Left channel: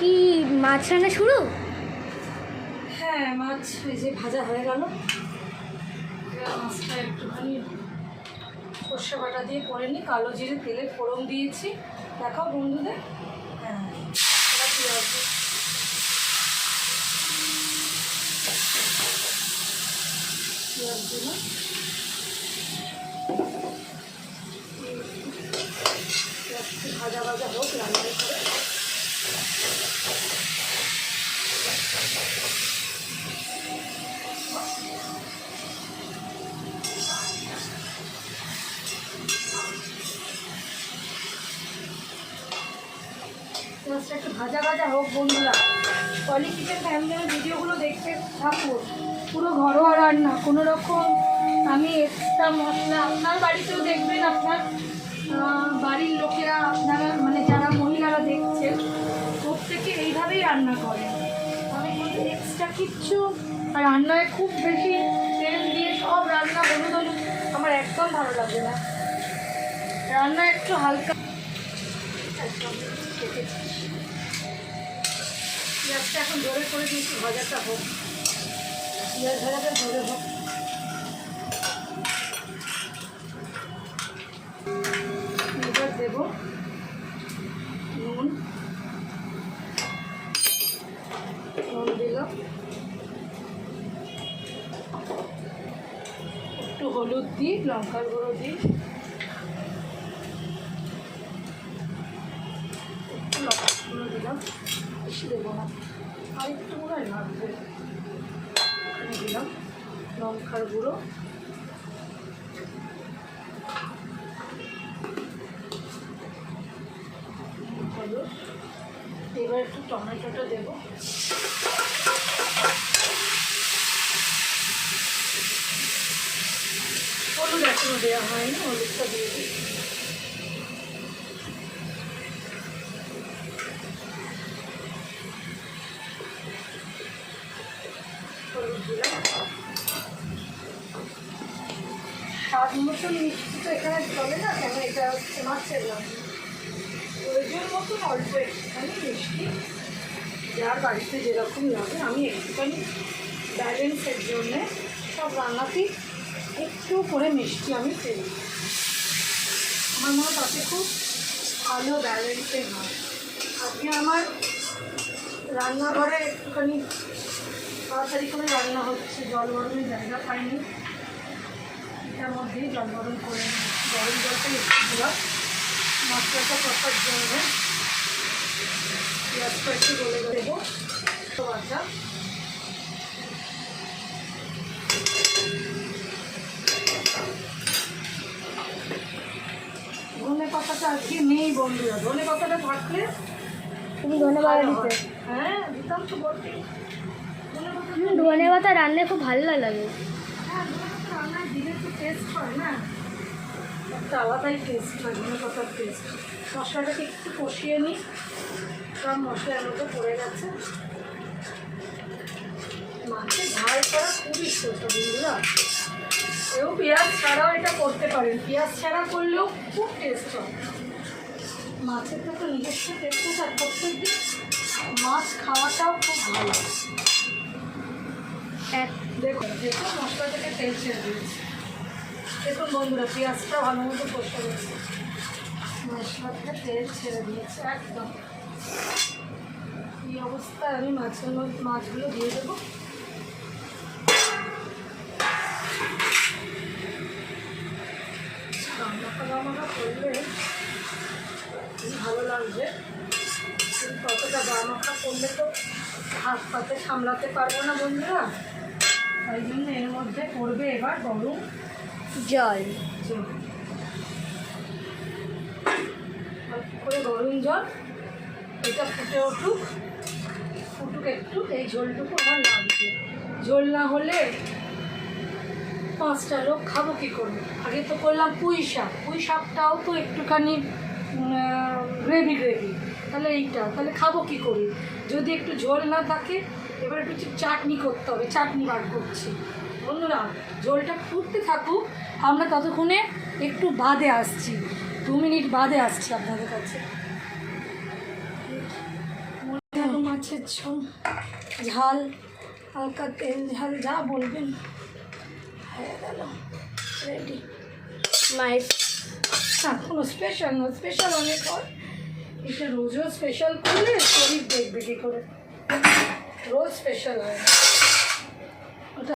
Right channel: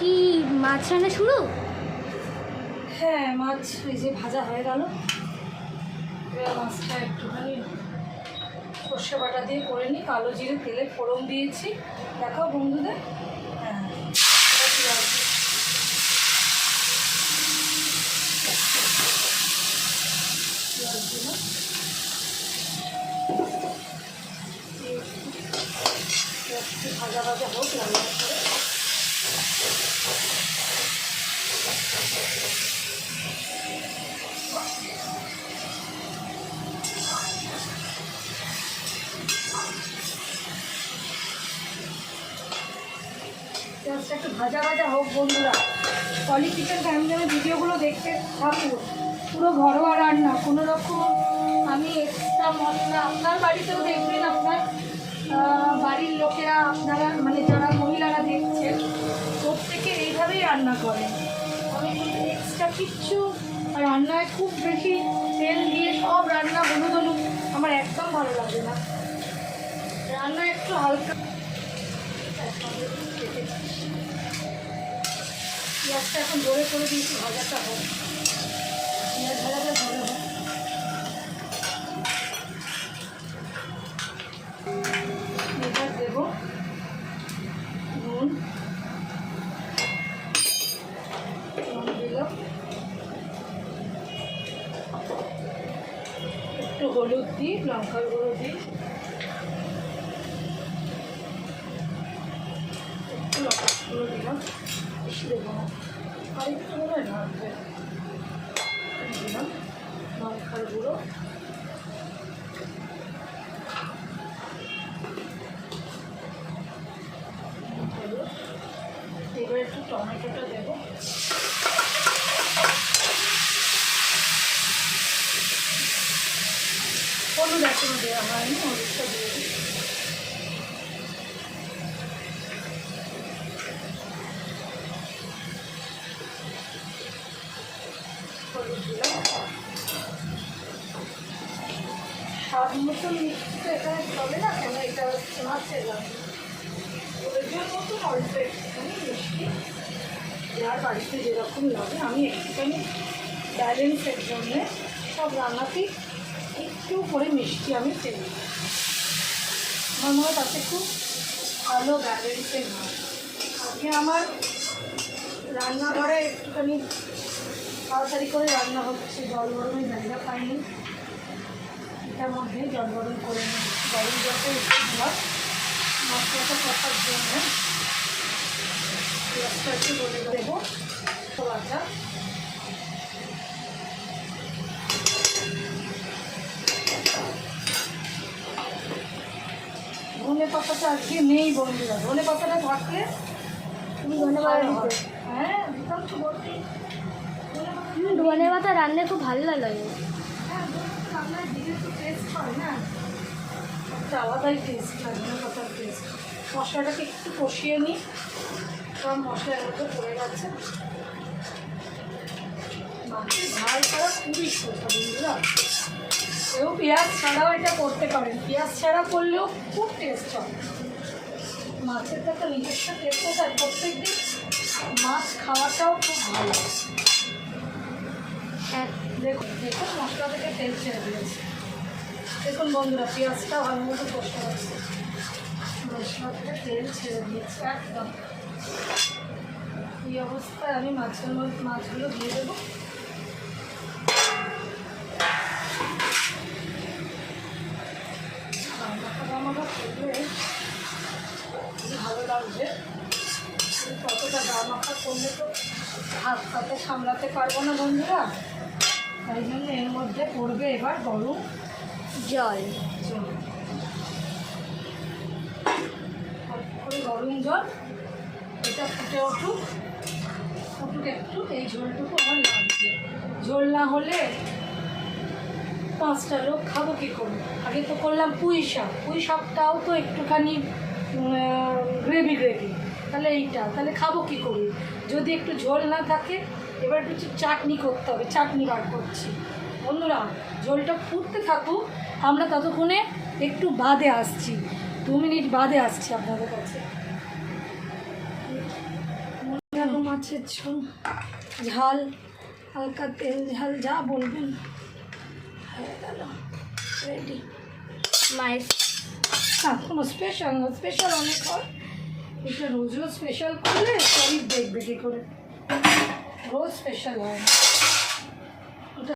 কি মাছ রান্না শুরু? হ্যাঁ, মাছ এই যে ভাজা হয়ে গেল। মাছটা একটুখানি সর্ষে বাটা দিয়ে করে নিই, কালো জিরে তেলে ফোড়ন দিয়েছি। দেখাও বন্ধুদের। হ্যাঁ, পেঁয়াজ দিলাম, একটু ভাজা ভাজা হোক লাল লাল করে। পেঁয়াজটা একটু ভাজা ভাজা হোক বন্ধুরা। পলি কিচেন ফ্যামিলির ভিডিওগুলো দেখতে থাকুন। পুরো ঘরোয়া রান্না, কোনো রকম আমি এক্সট্রা মশলা আপনার বাড়িতেও দেখবেন, আপনার বাড়ির লোকেরা আপনারা মানে যারা মহিলারা দেখছেন প্রত্যেকে এইভাবেই রান্না করেন। আমি কিন্তু এক্সট্রা কিচ্ছু রান্নায় খুব বেশি তেল দিয়ে সব রান্না হলুদ হলুদ আমার একদম ভালো লাগে না। রান্না একটু হালকা। পেঁয়াজটা এখন ধরে করে দিয়েছি, ভাজাটা হোক, পেঁয়াজ ভাজাটা ধরে হোক। এবার দেবো নুন, নুন দিলাম, একটু হলুদ দিই, লঙ্কার গুঁড়ো দিই, একটু লঙ্কার গুঁড়ো দিলাম, বেশি দেবো না, আর একটু মনে হয় লাগবে। দিলাম লঙ্কার গুঁড়ো, হলুদ। এবার একটু টমেটোটা দেবো, হলুদ এখনো দেওয়া হয়নি, হলুদটা দিয়ে দিই। হলুদ দিলাম, স্বাদ মতন মিষ্টি তো এখানে চলে না, কেন এটা হচ্ছে মাছের রান্না, প্রয়োজন মতন অল্প একটুখানি মিষ্টি, যার বাড়িতে যেরকম লাগে। আমি একটুখানি ব্যালেন্সের জন্যে সব রান্নাতেই একটু করে মিষ্টি আমি দিই। আমার মনে হয় তাতে খুব ভালো ব্যালেন্সে হয়। আজকে আমার রান্নাঘরে একটুখানি তাড়াতাড়ি করে রান্না হচ্ছে, জল গরমের জায়গা পাইনি, এটার মধ্যেই জল গরম করে নিই। গরম জলটা একটু দিলাম মশলাটা কষার জন্য, পেঁয়াজটা একটু গলে দেবো, ভাজা ধনে পাতাটা আজকে নেই বন্ধুরা, ধনে পাতাটা থাকলে তুমি ধনে পাতা দিতে? হ্যাঁ দিতাম তো বলতে। ধনে পাতা রান্না খুব ভালো লাগে। হ্যাঁ, রান্নায় দিলে তো টেস্ট হয় না, একটা আলাদাই টেস্ট হয় ধনে পাতার টেস্ট। মশলাটাকে একটু কষিয়ে নিই, সব মশলার মধ্যে পড়ে গেছে। মাছের ঝাল করা খুবই সোজা বন্ধুরা, কেউ পেঁয়াজ ছাড়াও এটা করতে পারেন, পেঁয়াজ ছাড়া করলেও খুব টেস্ট হয়। মাছের তো একটা নিজস্ব টেস্ট আছে, আর প্রত্যেকদিন মাছ খাওয়াটাও খুব ভালো। দেখুন দেখুন মশলা থেকে তেল ছেড়ে দিয়েছে, দেখুন বন্ধুরা পেঁয়াজটা ভালো মতো কষে গেছে, মশলা থেকে তেল ছেড়ে দিয়েছে একদম। এই অবস্থায় আমি মাছগুলো দিয়ে দেবো। গামাখা করলে ভালো লাগবে, কতটা গামাখা করলে তো হাত পাতে সামলাতে পারবো না বন্ধুরা, তাই জন্য এর মধ্যে পড়বে এবার গরম জল। করে গরম জল, এটা ফুটে উঠুক একটু, এই ঝোলটুকু আমার লাগবে। ঝোল না হলে 5টা লোক খাবো কী করে। আগে তো করলাম পুঁই শাকটাও তো একটুখানি গ্রেভি, তাহলে তাহলে খাবো কী করে যদি একটু ঝোল না থাকে। এবার একটু চাটনি করতে হবে, চাটনি বার করছি বন্ধুরা। ঝোলটা ফুটতে থাকুক, আমরা ততক্ষণে একটু বাদে আসছি, 2 মিনিট বাদে আসছি আপনাদের কাছে। মাছের ঝোল, ঝাল, হালকা তেল ঝাল যা বলবেন হয়ে গেল, রেডি। মায়ের না কোনো স্পেশাল না, স্পেশাল অনেক হয়, এটা রোজ রোজ স্পেশাল করলে শরীর দেখবে কী করে, রোজ স্পেশাল হয় না।